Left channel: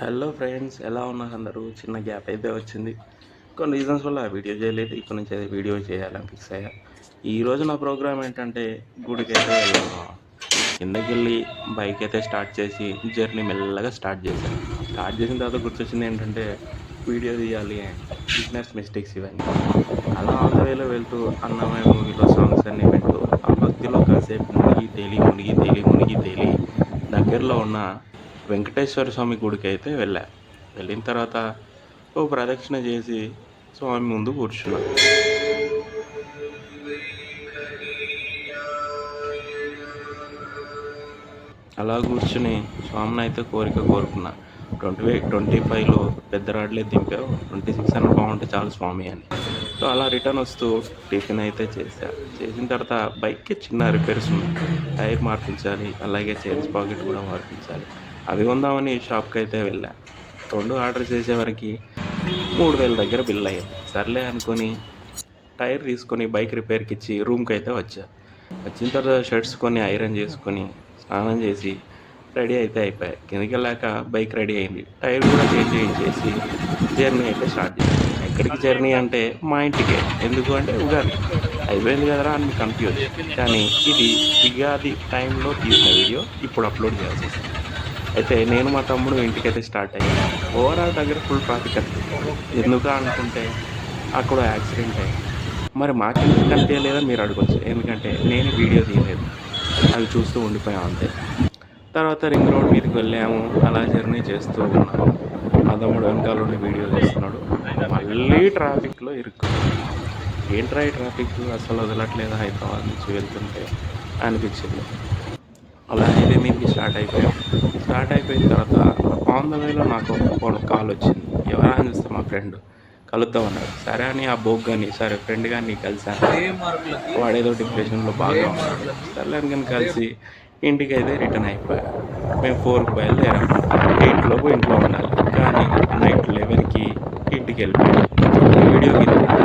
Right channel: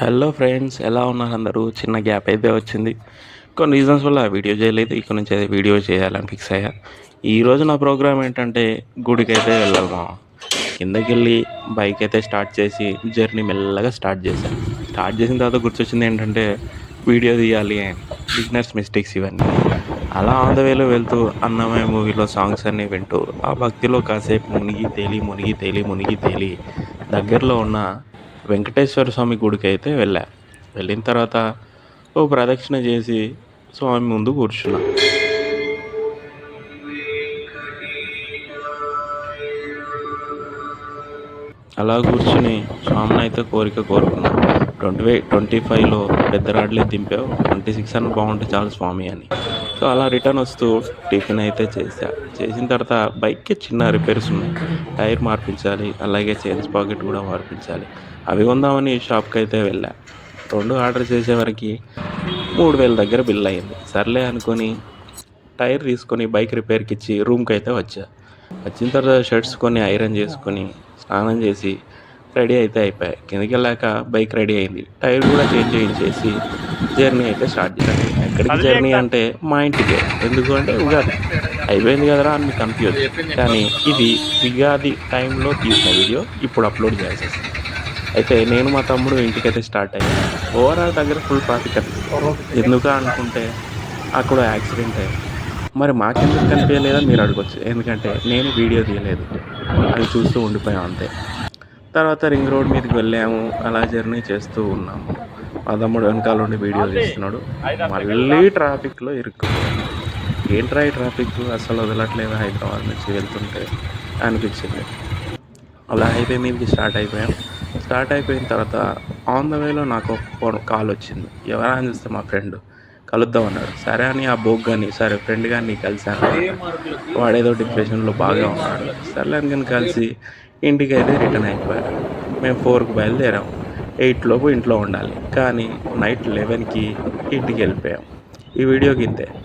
Hello friends, ఎలా ఉన్నారు అందరూ? చిన్న గ్యాప్ అయితే వచ్చింది. కొన్ని రీజన్స్ వల్ల వీడియో చేయలేదు. ఇక్కడ నుంచి అయితే వీడియో చేయాలని ఫిక్స్ అయ్యా. ఈరోజు నా ప్రోగ్రామ్ ఏంటంటే గుడికైతే వెళ్ళాలి మామ. కిందకెళ్ళి బైక్ అయితే స్టార్ట్ చేసి జర్నీ మెల్లగా స్టార్ట్ చేశాను. స్టార్ట్ చేసిన తర్వాత గుర్తొచ్చింది ఏంటంటే వీడియో తీయాలి అని. బిగినర్స్ మిస్టేక్స్ ఇవన్నీ. అలా ఆన్ ద వేలో వెళ్తూ అన్నమయ్య మూవీలో సాంగ్స్ అన్నీ వింటూ ఆ భక్తిలో కాసేపు మునిగి తేలి మునిగి తేలి మునిగి తేలి దగ్గరలో ఉన్న వెంకటేశ్వర స్వామి గుడికైతే వెళ్ళా. వెళ్ళిన తర్వాత ఓ ప్రదక్షిణ చేసి స్వామి ముందు కూర్చున్నా. అలా కూర్చుని స్వామిని అయితే కోరిక కోరుకున్నా. 25లో పెద్ద రాడ్లే దింపావు, 26 అన్న బాగుంటే చాలు స్వామి అని. సో అలా రిటర్న్ వస్తూ టిఫిన్ అయితే చేశా. చేసిన తర్వాత బైక్కి చిన్న రిపేర్స్ ఉన్నాయి. టైర్ మార్పించాలి, అలాగే చైన్స్ పాకెట్ కూడా మార్పించాలి. అవి కొందామని షాప్కి అయితే వెళ్ళా. 2 ఆర్డర్ చేసేవరకు 3000 దగ్గర బిల్ అయింది. సర్లే అనుకొని టైర్ తీసుకొని బైక్ రిపేర్కి ఇచ్చి రూమ్కి అయితే వచ్చా. వచ్చిన తర్వాత షర్ట్స్ కొన్ని ఐరన్ చేసుకొని స్నానం చేసి రెడీ అయితే అయిపోయాయి. కిందకి వెళ్ళాక బైక్ రెడీ అయింది. టైర్ కూడా చేంజ్ చేసి జర్నీ అయితే స్టార్ట్ చేశాను. ఎక్కడికి జర్నీ అంటే మా ఇంటికే. ఎందుకు అంటే ఉగాది అయిపోయింది కదరా అని కన్ఫ్యూజ్. కానీ ఇది ఉగాది టైంలో తీసిన వీడియో ఇప్పుడు అప్లోడ్ చేసేసాను. అయితే నేను మా తమ్ముడు ఇంటికైతే స్టార్ట్ అయ్యాను. ఓవరాల్ దగ్గర ఫుల్ ట్రాఫిక్ అనిపిస్తుంది. ఎందుకు అనుకుంటే అక్కడ యాక్సిడెంట్ అయ్యింది. మరి మాకెందుకు కనిపించలేదని మీరు అడగొచ్చు. ఎందుకంటే నేను వీడియో తీయలేదు, అవి చూస్తూ ఉండిపోయాం అంతే. తర్వాత రింగ్ రోడ్ మీదకి వెళ్ళాము. అలా జర్నీ చేస్తూ ఉన్నాము. మా తమ్ముడు వెనకాల ఉండి వీడియో తీస్తున్నాడు. మళ్ళీ ట్రాఫిక్లో ఇరుక్కుపోయాను. ఏంట్రా ఈ ట్రాఫిక్ అసలు వదలట్లేదు హైదరాబాద్ నుంచి వెళ్తుంటే అనిపించింది. అలా హైవే మీదకి స్టార్ట్ అయిపోయాం. స్టార్ట్ అయిపోయిన తర్వాత ఆన్ ద వేలో నాకు ఒక కాల్ వచ్చింది. ఎవరా అని చూస్తే మా ఫ్రెండ్ కలుద్దాం అన్నాడు. సరే అని ఆ బోక్ కానీ సరే ఫ్రెండ్ కానీ కలిశాను. వాడేదో డిప్రెషన్లో బాగా ఉన్నాడు. సర్లే అని కలిసి ఇంటికి అయితే రిటర్న్ అయిపోయాడు. మేము 4కి బయలుదేరాం. 8 లోపు ఇంట్లో ఉండాలి. కానీ నైట్ 11కి ఇంటికి వెళ్ళిపోయాం. ఈ వీడియోకి